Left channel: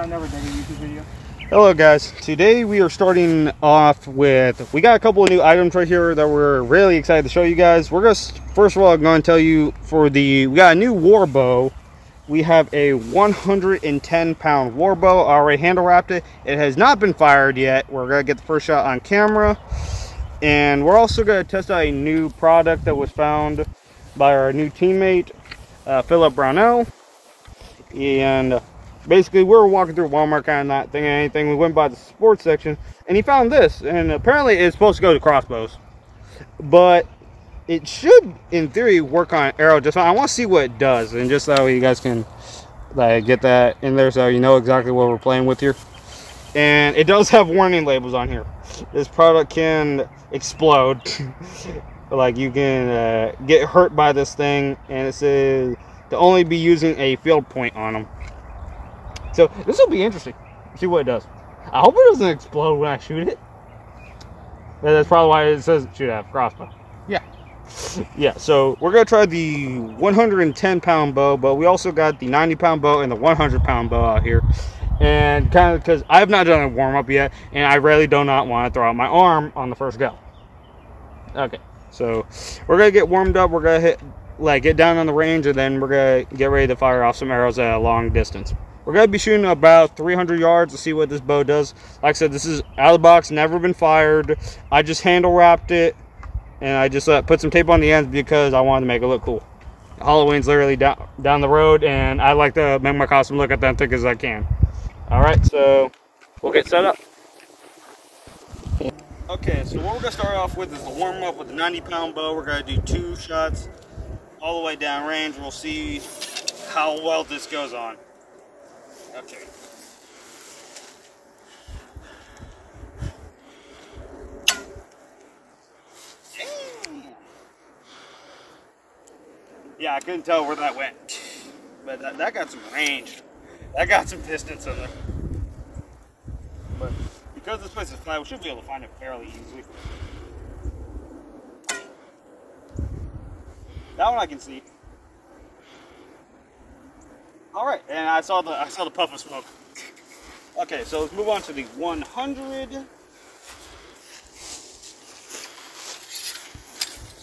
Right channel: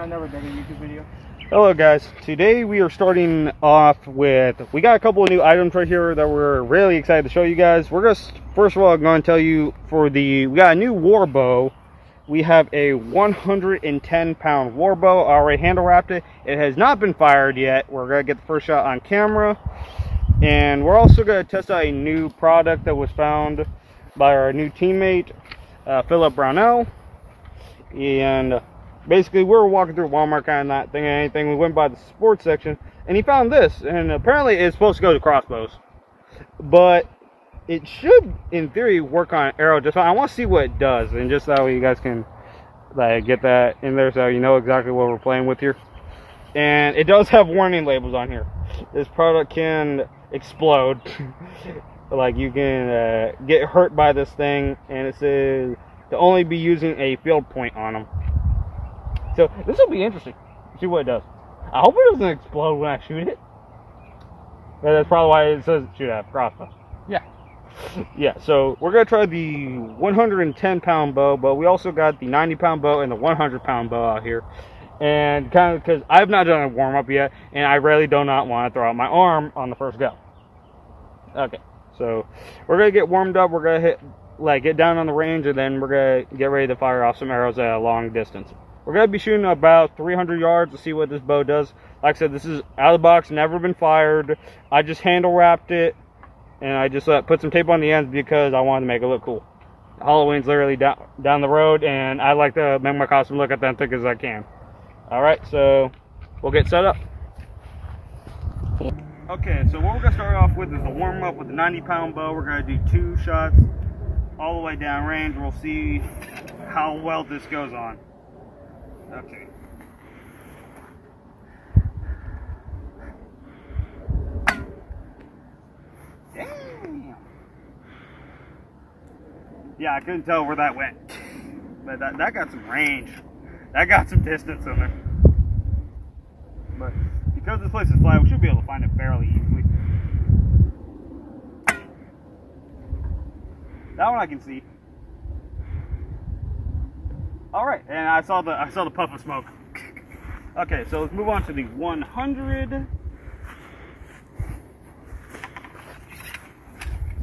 I never did a YouTube video. Hello guys, today we are starting off with, we got a couple of new items right here that we're really excited to show you guys. We're just, first of all, going to tell you we got a new war bow. We have a 110 pound war bow. I already handle wrapped it. It has not been fired yet. We're going to get the first shot on camera. And we're also going to test out a new product that was found by our new teammate, Philip Brownell. And basically, we were walking through Walmart, kind of not thinking anything. We went by the sports section, and he found this. And apparently, it's supposed to go to crossbows. But it should, in theory, work on arrow just fine. I want to see what it does, and just so you guys can like get that in there, so you know exactly what we're playing with here. And it does have warning labels on here. This product can explode. Like, you can get hurt by this thing, and it says to only be using a field point on them. So this will be interesting. See what it does. I hope it doesn't explode when I shoot it. But that's probably why it says shoot at crossbow. Yeah. Yeah, so we're going to try the 110 pound bow, but we also got the 90 pound bow and the 100 pound bow out here. And kind of because I have not done a warm up yet, and I really do not want to throw out my arm on the first go. Okay, so we're going to get warmed up. We're going to get down on the range, and then we're going to get ready to fire off some arrows at a long distance. We're going to be shooting about 300 yards to see what this bow does. Like I said, this is out of the box, never been fired. I just handle wrapped it, and I just put some tape on the ends because I wanted to make it look cool. Halloween's literally down the road, and I like to make my costume look authentic as I can. Alright, so we'll get set up. Okay, so what we're going to start off with is the warm-up with the 90 pound bow. We're going to do 2 shots all the way down range. We'll see how well this goes on. Okay. Damn. Yeah, I couldn't tell where that went, but that got some range. That got some distance in there. But because this place is flat, we should be able to find it fairly easily. That one I can see. All right, and I saw the puff of smoke. Okay, so let's move on to the 100.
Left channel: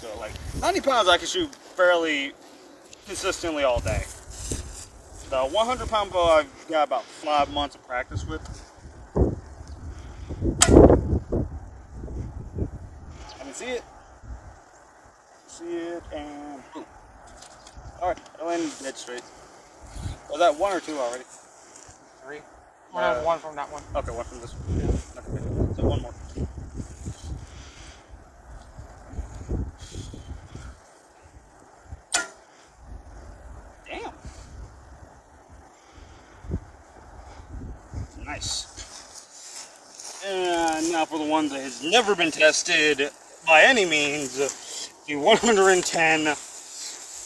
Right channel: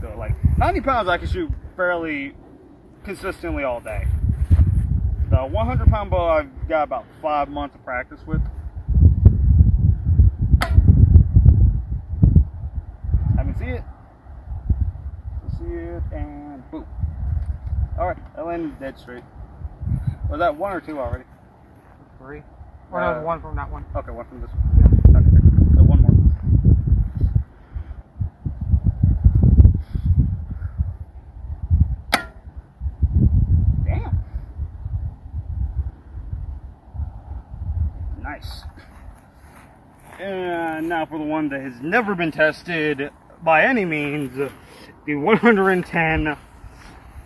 So like 90 pounds, I can shoot fairly consistently all day. The 100 pound bow, I've got about 5 months of practice with. I can see it. See it, and boom. All right, I landed dead straight. Was that 1 or 2 already? 3. Or no, 1 from that one. Okay, 1 from this one. Yeah. Okay, so 1 more. Damn. Nice. And now for the one that has never been tested by any means, the 110.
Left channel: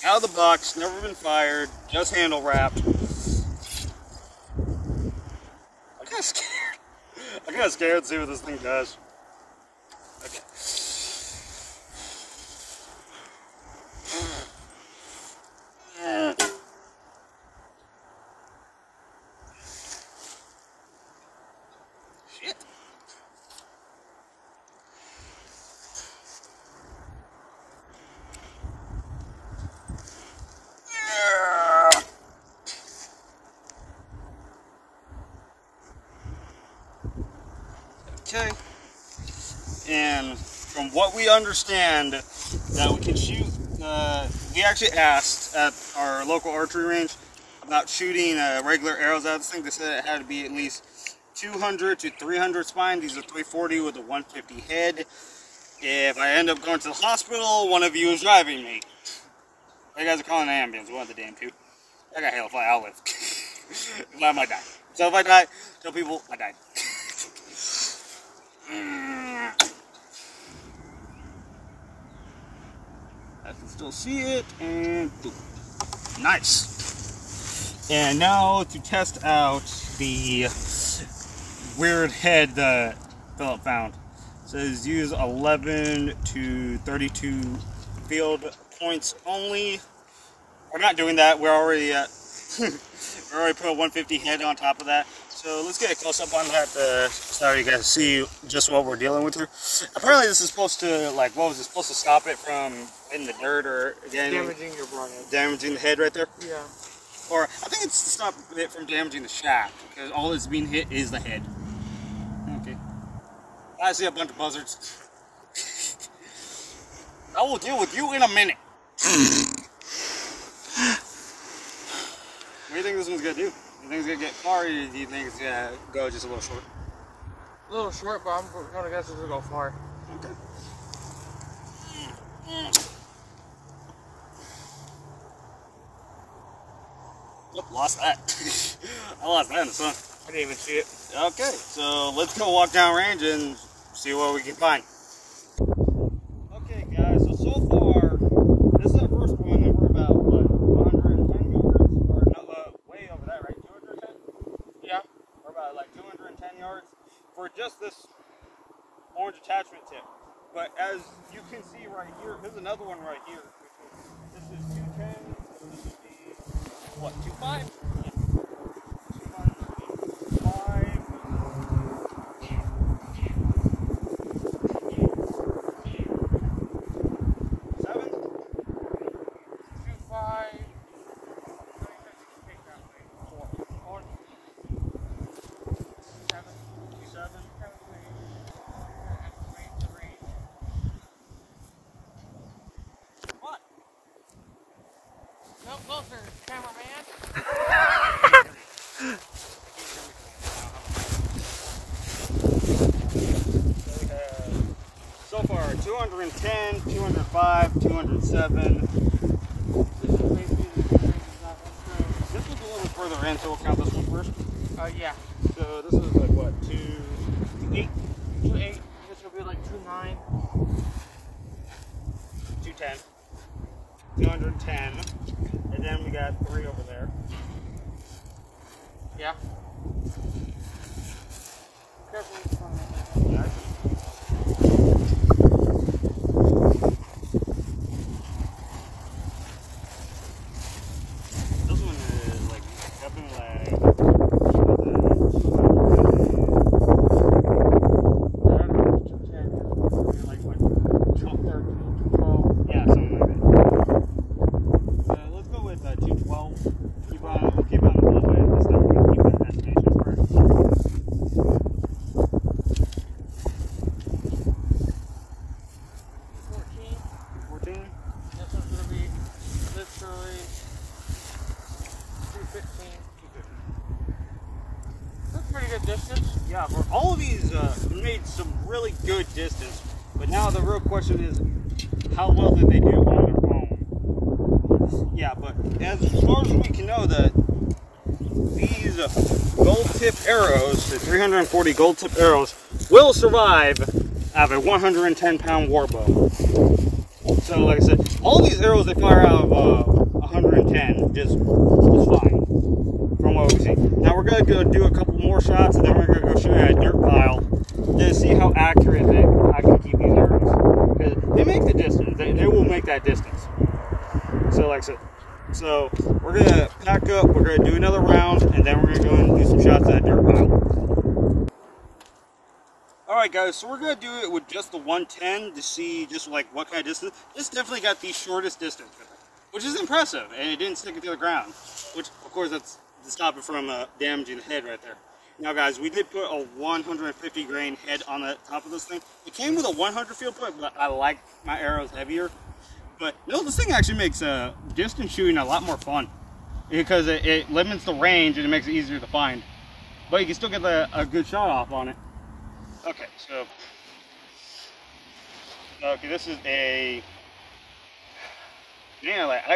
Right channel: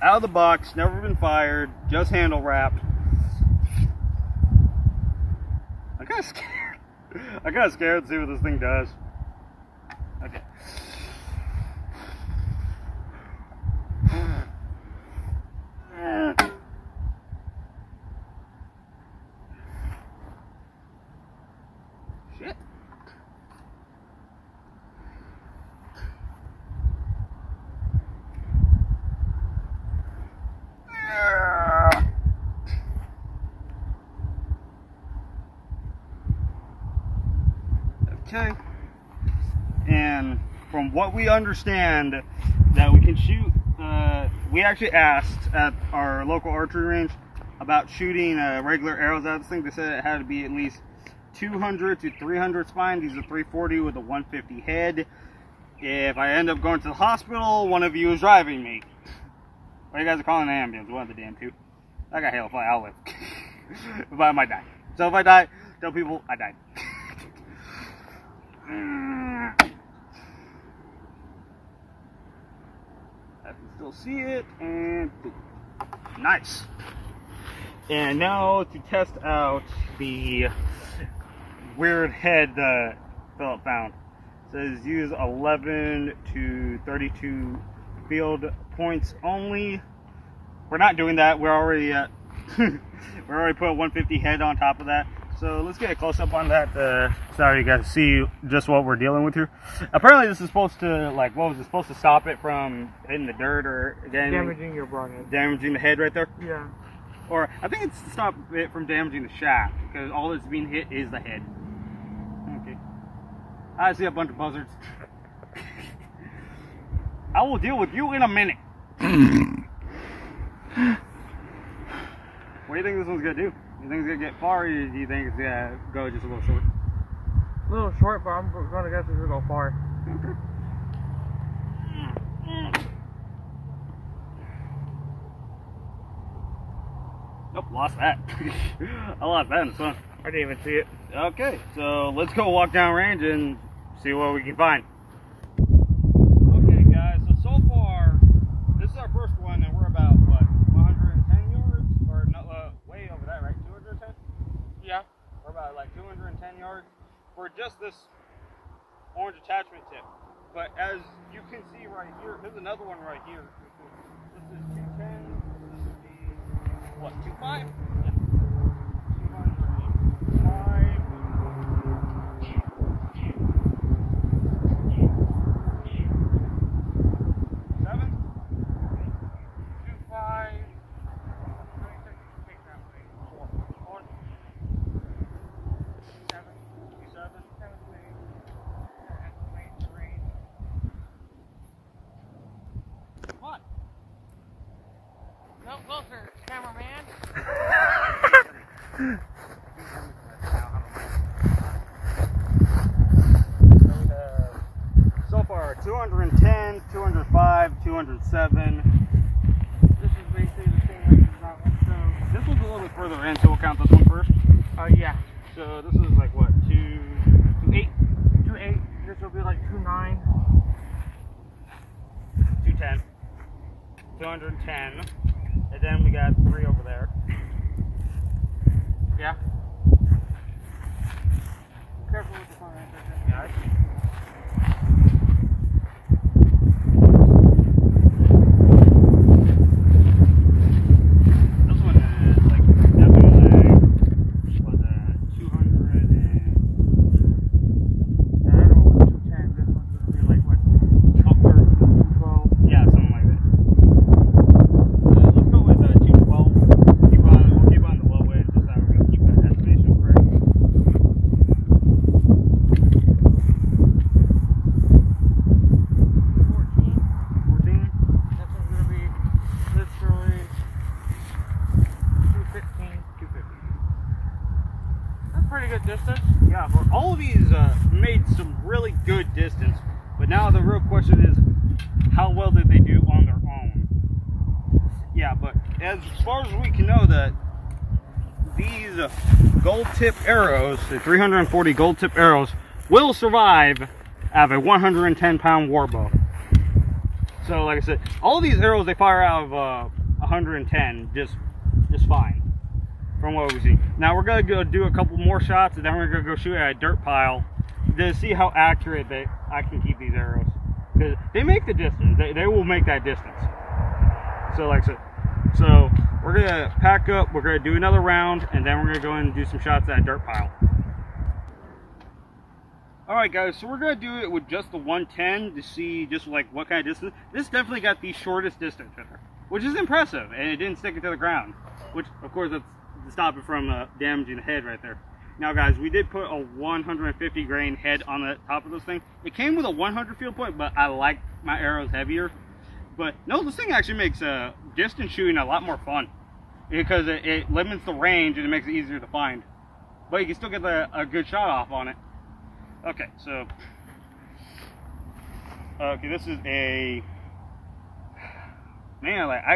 Out of the box, never been fired, just handle wrapped. I'm kind of scared. I'm kind of scared to see what this thing does. Okay. Shit. Okay, and from what we understand, that we can shoot, we actually asked at our local archery range about shooting regular arrows out of this thing. They said it had to be at least 200 to 300 spine. These are 340 with a 150 head. If I end up going to the hospital, one of you is driving me. Or you guys are calling an ambulance, one of the damn two. I got hell if I'll live. If I might die. So if I die, tell people I died. I can still see it, and boom. Nice. And now to test out the weird head that Philip found. It says use 11 to 32 field points only. We're not doing that. We're already we already put a 150 head on top of that. So let's get a close up on that so you guys see just what we're dealing with here. Apparently this is supposed to, like, what was it, supposed to stop it from hitting the dirt or again damaging your broadhead. Damaging the head right there? Yeah. Or I think it's to stop it from damaging the shaft, because all that's being hit is the head. Okay. I see a bunch of buzzards. I will deal with you in a minute. What do you think this one's gonna do? You think it's gonna get far, or do you think it's gonna go just a little short? A little short, but I'm gonna guess it's gonna go far. Okay. Nope, lost that. I lost that in the sun. I didn't even see it. Okay, so let's go walk down range and see what we can find. Okay, guys, so far, this is our first one, and we're about, what, 110 yards? Or no, way over that, right? 210? Yeah. We're about like 210 yards for just this orange attachment tip. But as you can see right here, there's another one right here. This is 210, so this would be, what, 2.5? Yeah. 205. 7? 2.5. 4. 4. 7. 7. Estimate the range. What? No closer, cameraman. So far, 210, 205, 207. This is basically the same as that one. So, This one's a little bit further in, so we'll count this one first. yeah. So this is like what, 2.8? 2.8. This will be like 2.9. 210. 210. And then we got 3 over there. Yeah. Careful with the phone. Yeah, this one is like definitely like 210. This one will be like what? 12. yeah, something like that. Let's go with 212. We'll keep on the low way this time. We can keep that estimation correct. 14. This one's gonna be literally 215. 250. That's pretty good distance. Yeah, for all of these made some really good distance, but now the real question is, how well did they do on their own? Yeah, but as far as we can know, that these GoldTip arrows, the 340 GoldTip arrows, will survive out of a 110-pound war bow. So, like I said, all these arrows they fire out of 110 just fine. From what we see. Now we're gonna go do a couple more shots, and then we're gonna go shoot at a dirt pile to see how accurate I can keep these arrows. Because they make the distance. They will make that distance. So like I said, so we're gonna pack up. We're gonna do another round, and then we're gonna go in and do some shots at a dirt pile. All right, guys. So we're gonna do it with just the 110 to see just like what kind of distance. This definitely got the shortest distance with her, which is impressive, and it didn't stick it to the ground. Which, of course, that's to stop it from damaging the head right there. Now guys, we did put a 150 grain head on the top of this thing. It came with a 100 field point, but I like my arrows heavier. But no, this thing actually makes distance shooting a lot more fun, because it limits the range and it makes it easier to find. But you can still get a good shot off on it. Okay, so this is a man. Like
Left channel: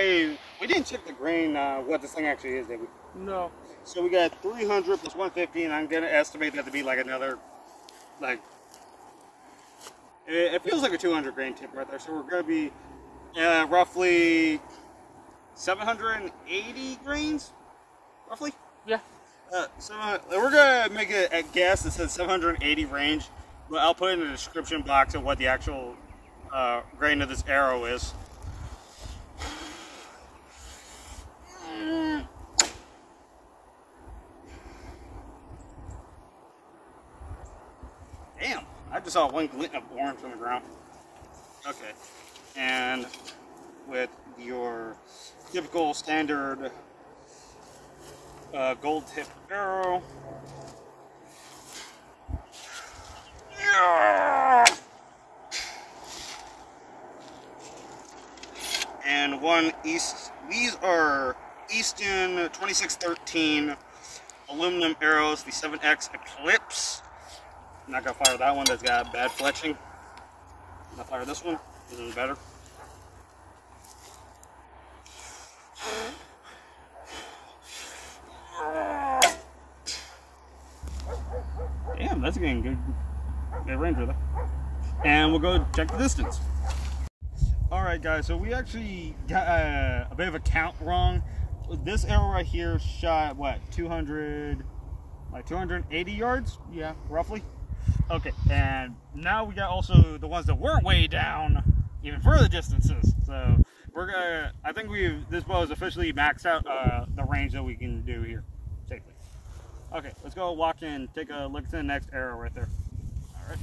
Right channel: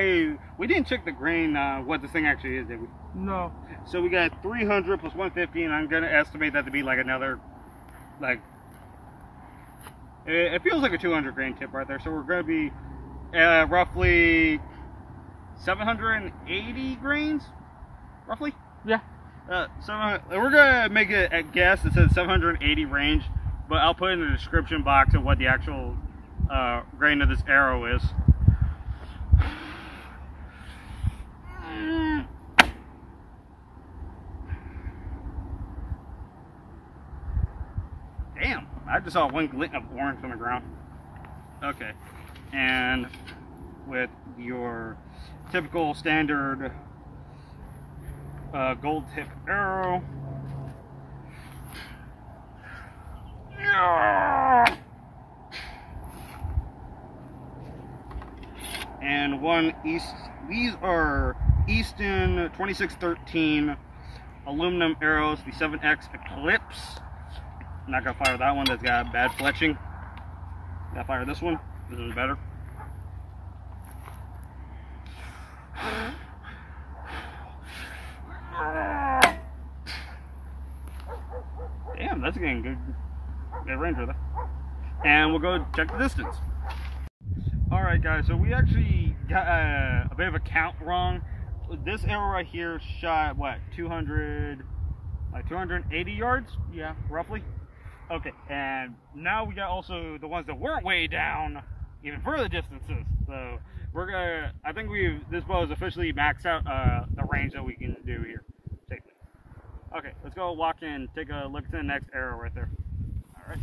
we didn't check the grain what this thing actually is, did we? No. So we got 300 plus 150, and I'm gonna estimate that to be like another, like, it feels like a 200 grain tip right there. So we're gonna be roughly 780 grains, roughly. Yeah. So we're gonna make a guess that says 780 range, but I'll put in the description box of what the actual grain of this arrow is. just saw one glint of orange on the ground. Okay, and with your typical standard gold tip arrow. And these are Easton 2613 aluminum arrows, the 7X Eclipse. I'm not gonna fire that one, that's got bad fletching. I'm gonna fire this one, this is better. Damn, that's getting good range with it. And we'll go check the distance. Alright guys, so we actually got a bit of a count wrong. This arrow right here shot, what, 280 yards? Yeah, roughly. Okay, and now we got also the ones that weren't way down, even further distances. So we're gonna, I think this bow is officially maxed out the range that we can do here safely. Okay, let's go walk in, take a look at the next arrow right there. Alright.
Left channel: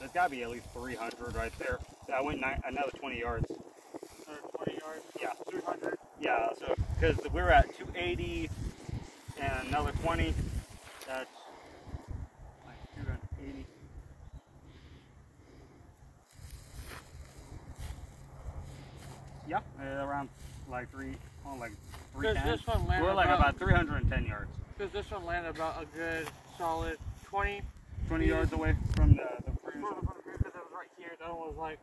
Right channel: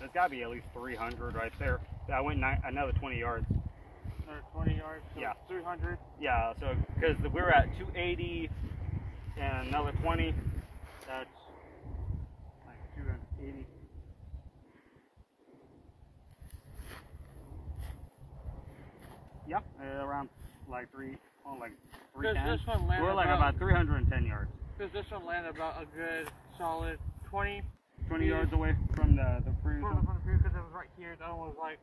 It's got to be at least 300 right there. Yeah, I went another 20 yards. Another 20 yards? Yeah. 300? Yeah, so because we were at 280 and another 20, that's like 280. Yeah, around like 310. This one landed we're like about 310 yards. Because this one landed about a good solid 20 yards away from the previous one. Because it was right here. That one was like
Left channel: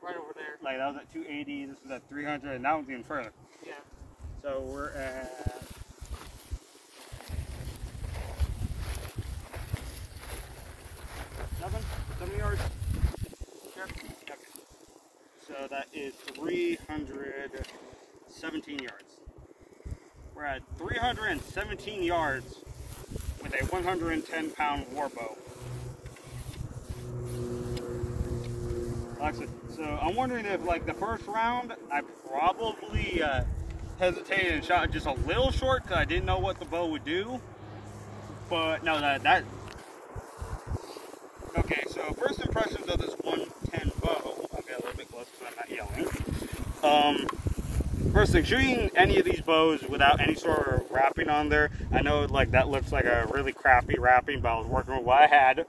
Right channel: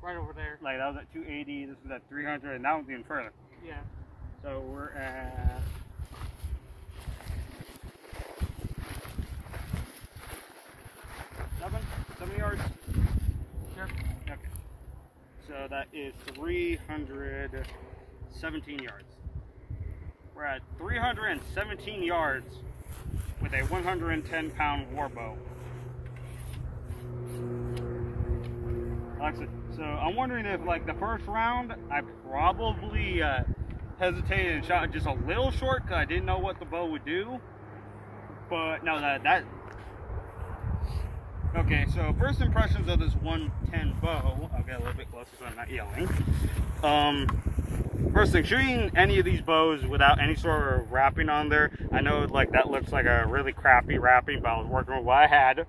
right over there. Like that was at 280, this was at 300, and that one's even further. Yeah. So we're at 7 yards. Yep. Okay. So that is 317 yards. We're at 317 yards with a 110-pound war bow. So I'm wondering if, like, the first round, I probably hesitated and shot just a little short because I didn't know what the bow would do. But no, that. Okay, so first impressions of this 110 bow. I'll get a little bit closer so I'm not yelling. First thing, shooting any of these bows without any sort of wrapping on there, I know like that looks like a really crappy wrapping, but I was working with what I had.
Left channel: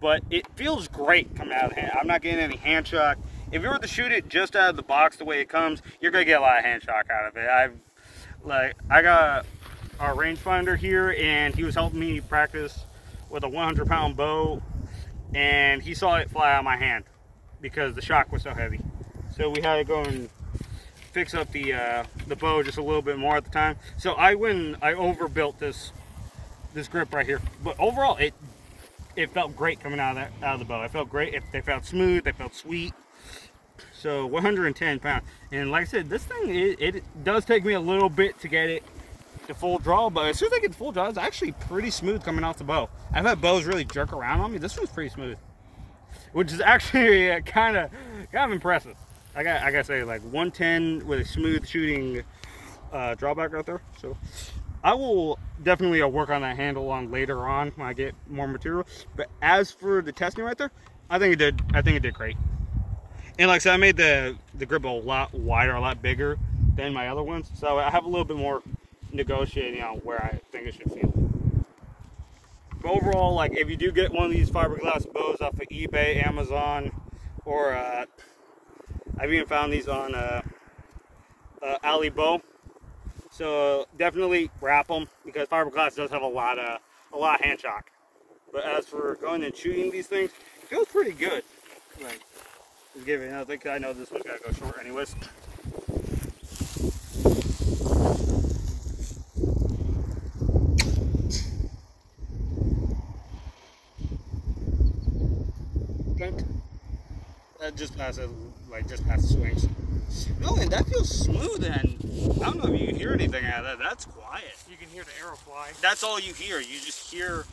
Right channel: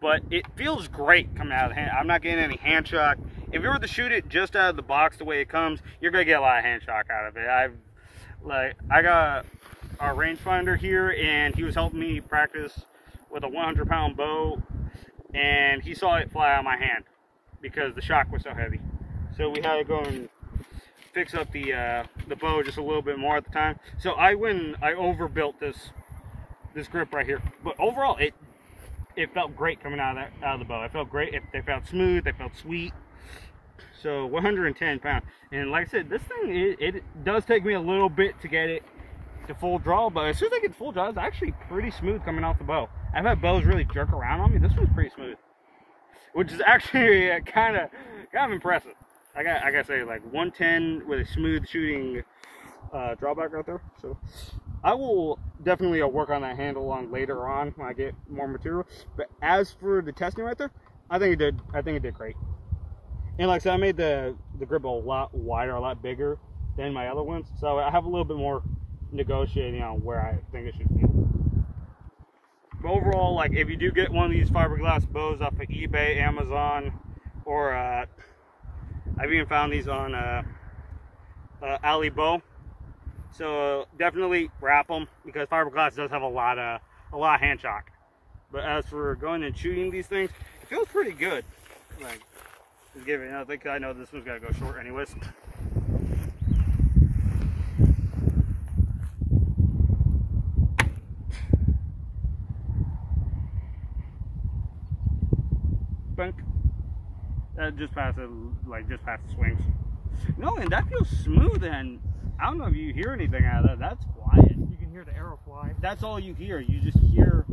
But it feels great coming out of the hand. I'm not getting any hand shock. If you were to shoot it just out of the box the way it comes, you're gonna get a lot of hand shock out of it. I got our rangefinder here, and he was helping me practice with a 100-pound bow, and he saw it fly out of my hand because the shock was so heavy. So we had to go and fix up the bow just a little bit more at the time. So I overbuilt this grip right here, but overall it felt great coming out of the bow. It felt great. They felt smooth. They felt sweet. So 110 pounds, and like I said, this thing it does take me a little bit to get it to full draw, but as soon as I get to full draw, it's actually pretty smooth coming off the bow. I've had bows really jerk around on me. This one's pretty smooth, which is actually kind of impressive. I gotta say, like 110 with a smooth shooting drawback right there. So I will definitely work on that handle on later on when I get more material. But as for the testing right there, I think it did great. And like I said, I made the grip a lot wider, a lot bigger than my other ones. So I have a little bit more negotiating on where I think it should feel. But overall, like if you do get one of these fiberglass bows off of eBay, Amazon, or I've even found these on AliBow. So definitely wrap them because fiberglass does have a lot of hand shock. But as for going and shooting these things, it feels pretty good. Like, just give it another thing. I know this one's gotta go short anyways. Bunk. Just past it, like just past the swings. No, and that feels smooth, and I don't know if you hear anything out of that. That's quiet. You can hear the arrow fly. That's all you hear. You just hear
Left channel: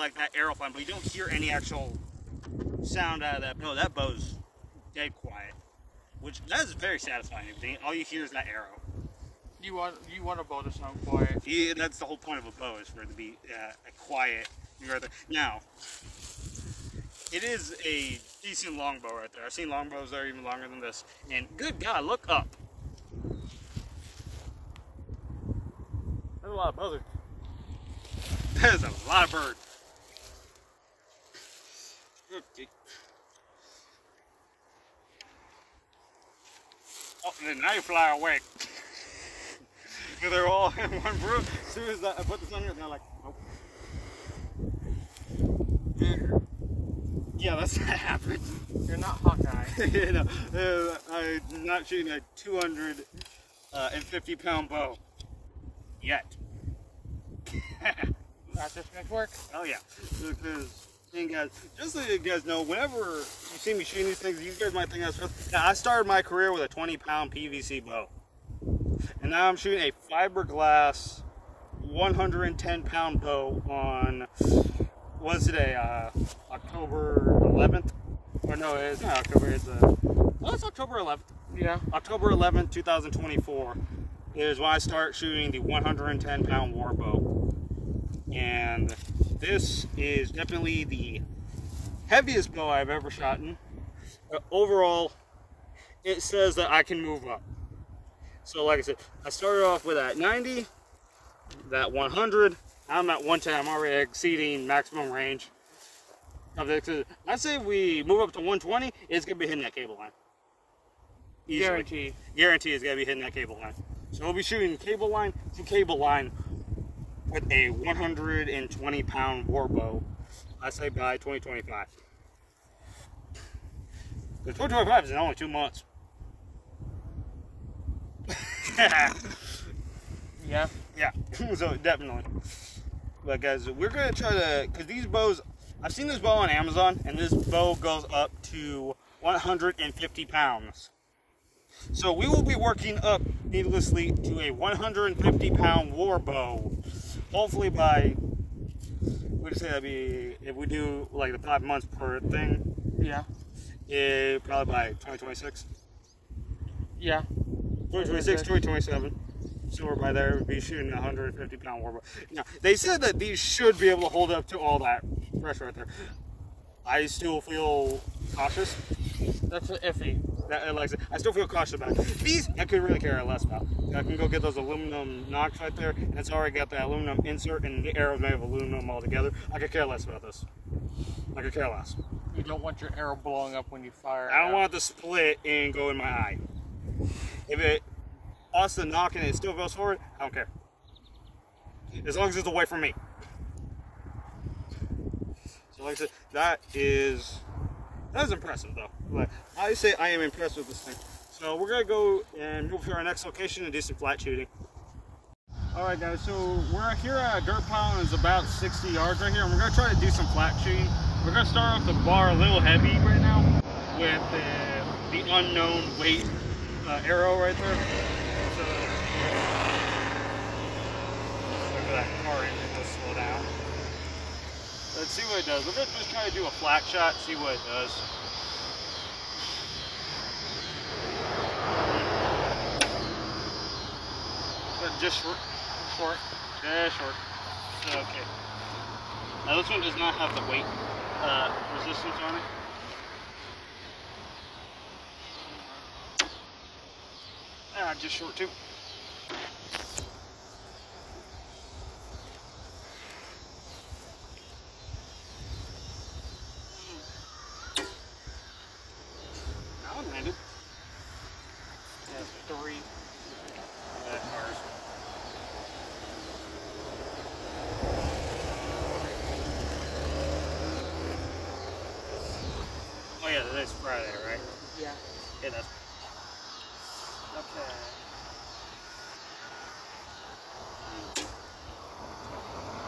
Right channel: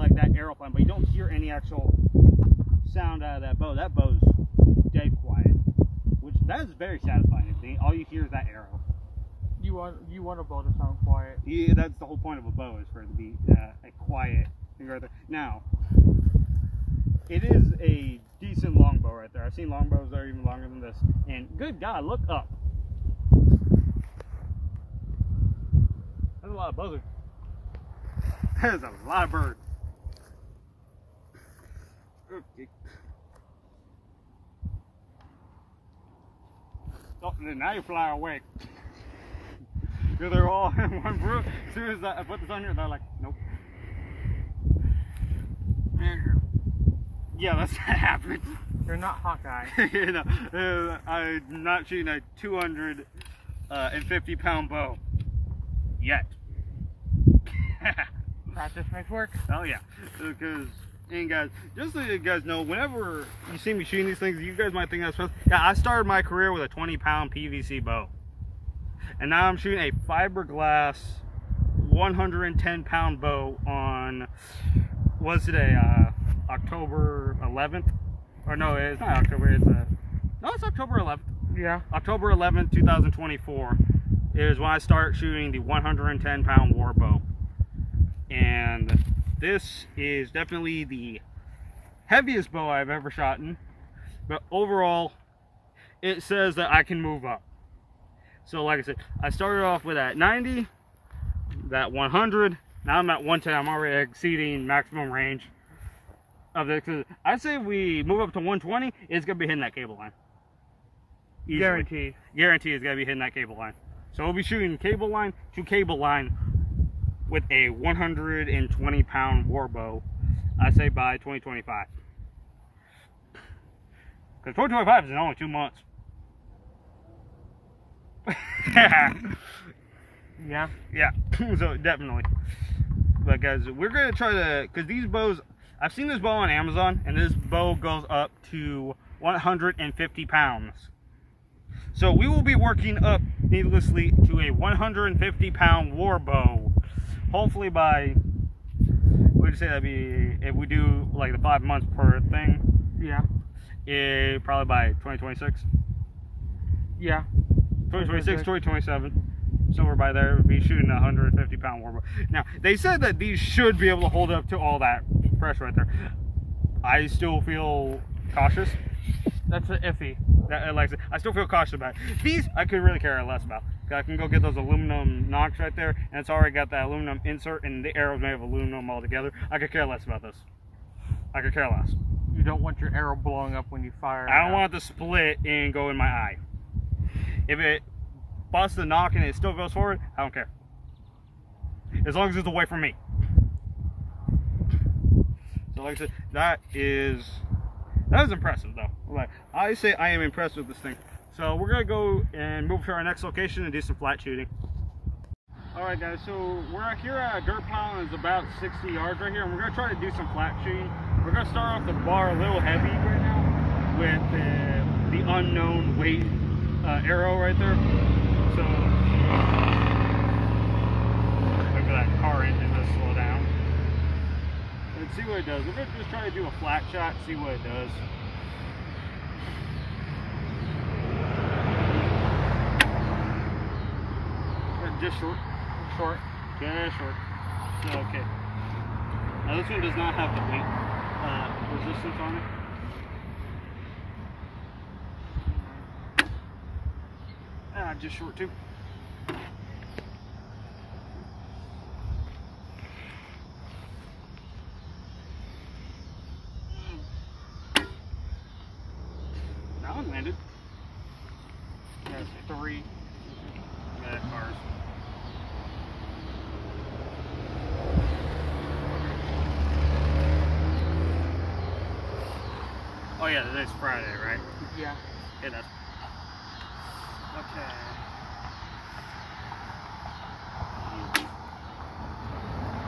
like that arrow flying, but you don't hear any actual sound out of that bow. That bow's dead quiet, which that is very satisfying. All you hear is that arrow. You want a bow to sound quiet. Yeah, that's the whole point of a bow, is for it to be a quiet thing right there. Now, it is a decent longbow right there. I've seen longbows that are even longer than this. And good God, look up. There's a lot of buzzards. There's a lot of birds. Okay. Oh, now you fly away. They're all in one group. As soon as I put this on here, they're like, nope. Yeah, that's what happened. They're not Hawkeye. You know, I'm not shooting a 250-pound bow yet. Practice makes work. Oh yeah, because and guys, just so you guys know, whenever you see me shooting these things, you guys might think that's supposed. Yeah, I started my career with a 20-pound PVC bow, and now I'm shooting a fiberglass 110-pound bow on. What's today? October 11th? Or no, it's not October. It's no, it's October 11th. Yeah. October 11th, 2024 is when I start shooting the 110-pound war bow, and this is definitely the heaviest bow I've ever shot in. But overall, it says that I can move up. So, like I said, I started off with that 90, that 100. Now I'm at 110. I'm already exceeding maximum range of the. I'd say if we move up to 120, it's gonna be hitting that cable line. Easily. Guaranteed. Guarantee it's gonna be hitting that cable line. So we'll be shooting cable line to cable line with a 120-pound war bow. I say by 2025. Because 2025 is in only 2 months. Yeah. Yeah. So definitely. But guys, we're gonna try to, because these bows, I've seen this bow on Amazon, and this bow goes up to 150 pounds. So we will be working up needlessly to a 150-pound war bow. Hopefully by, we'd say that'd be, if we do like the 5 months per thing. Yeah. Probably by 2026. Yeah. 2026, 2027. So we're by there, we'll be shooting a 150-pound war bow. Now, they said that these should be able to hold up to all that pressure right there. I still feel cautious. That's an iffy. Like I said, I still feel cautious about it. These, I could really care less about. I can go get those aluminum nocks right there, and it's already got that aluminum insert, and the arrow's made of aluminum altogether. I could care less about this. I could care less. You don't want your arrow blowing up when you fire. I don't want it to split and go in my eye. If it busts the knock and it still goes forward, I don't care. As long as it's away from me. So like I said, that is impressive though. Like, I say I am impressed with this thing. So we're gonna go and move to our next location and do some flat shooting. Alright guys, so we're here at a dirt pile and it's about 60 yards right here, and we're gonna try to do some flat shooting. We're gonna start off the bar a little heavy right now with the unknown weight arrow right there. So wait for that car engine to slow down. Let's see what it does. We're gonna just try to do a flat shot, see what it does. Just short. Short. Just short. So, okay. Now this one does not have the weight resistance on it. Just short too. That one landed. That's 3. Yeah, that's ours. Oh yeah, today's Friday, right? Yeah. Yeah, that's. Okay.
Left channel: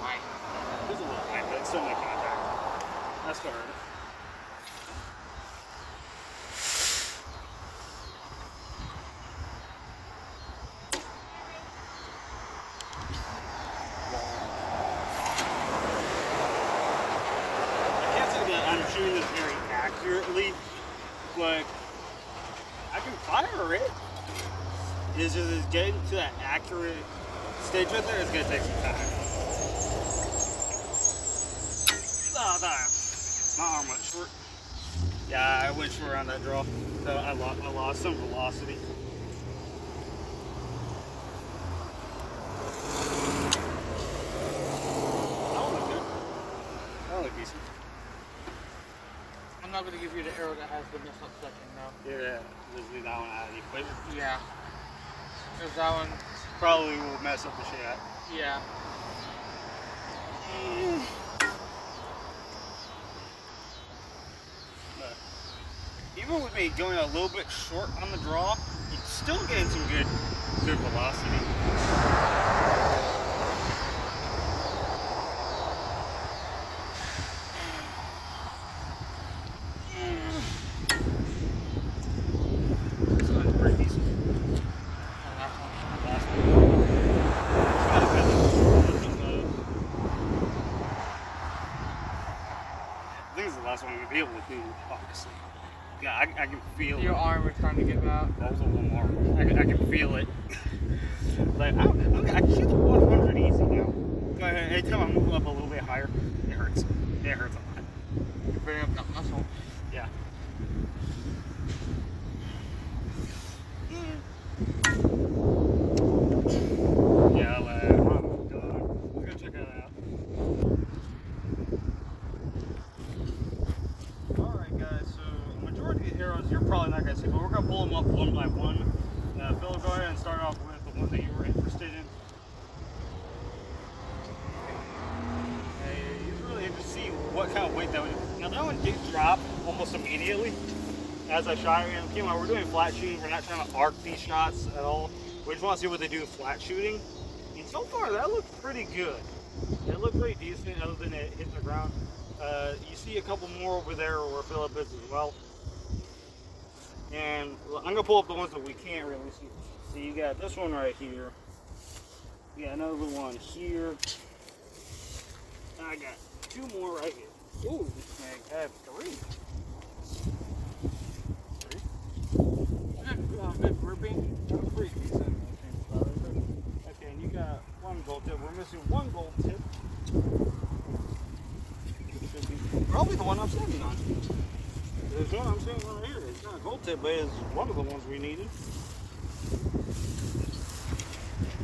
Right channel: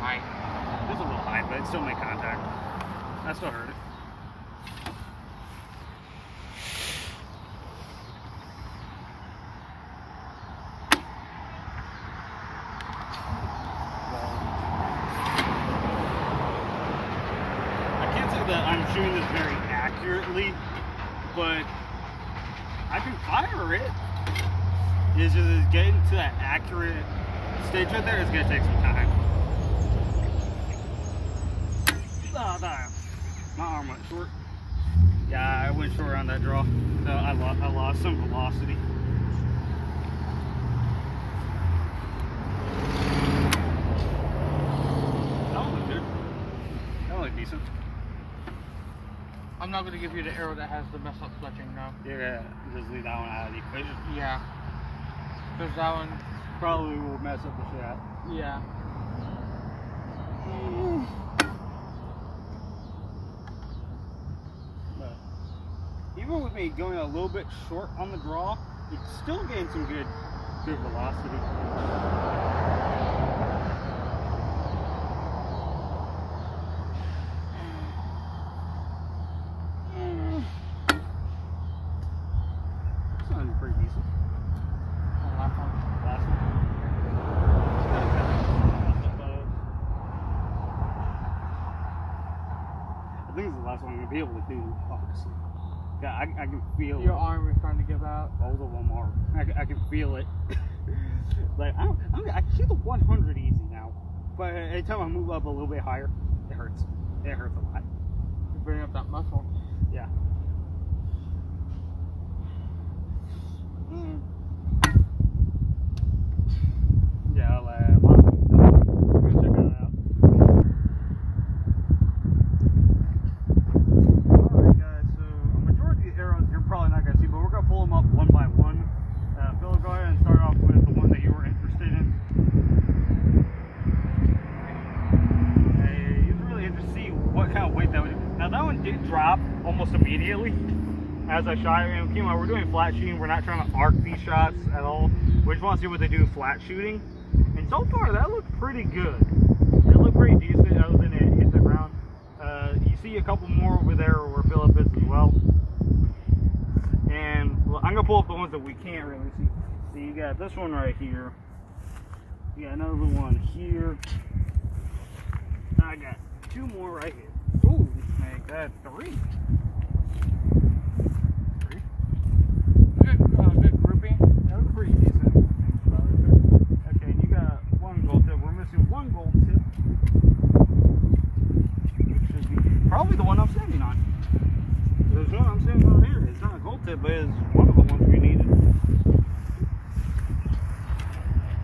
High. It was a little high, but it still made contact. I still heard it. shooting this very accurately, but I can fire it. It's just getting to that accurate stage right there is gonna take some time. Oh, my arm went short. Yeah, I went short on that draw, so I lost some velocity. That one looked good. That one looked decent. I'm not going to give you the arrow that has the messed up fletching, no. Yeah, just leave that one out of the equation. Yeah. Because that one probably will mess up the shot. Yeah. But even with me going a little bit short on the draw, it's still getting some good velocity. I think it's the last one I'm going to be able to do, obviously. Yeah, I can feel your arm is trying to give out. Balls of one arm. I can feel it. Like, I can shoot the 100 easy now. But every time I move up a little bit higher, it hurts. It hurts a lot. You're building up that muscle. Yeah. Yeah, I'll go check that out. Alright guys, so a majority of the arrows you're probably not going to see, but we're going to pull them up one by one. Phil, go ahead and start off with the one that you were interested in. He's really interested to see what kind of weight that would. Now that one did drop almost immediately as I shot it. And came out, we're doing flat shooting. We're not trying to arc these shots at all. We just want to see what they do flat shooting. And so far, that looked pretty good. It looked pretty decent, other than it hit the ground. You see a couple more over there where Philip is as well. And I'm gonna pull up the ones that we can't really see. So you got this one right here. You got another one here. I got two more right here. Ooh, make that three. Good grouping. That was a pretty decent spot right there. Okay, and you got one gold tip. We're missing one gold tip. Which should be probably the one I'm standing on. There's one I'm standing on here. It's not a gold tip, but it's one of the ones we needed.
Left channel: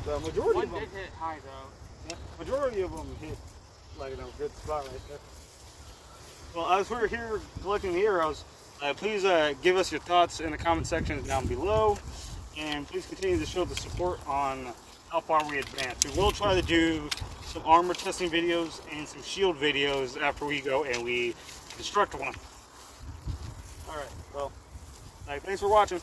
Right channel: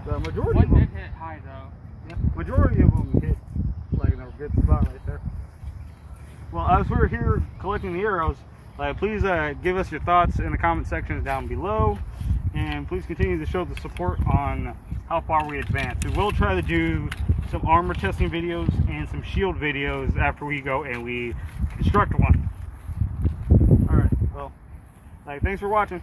The majority of them did hit high though. Yeah, majority of them hit like in a good spot right there. Well, as we're here collecting the arrows, please give us your thoughts in the comment section down below, and please continue to show the support on how far we advance. We will try to do some armor testing videos and some shield videos after we go and we construct one. Alright, well, thanks for watching.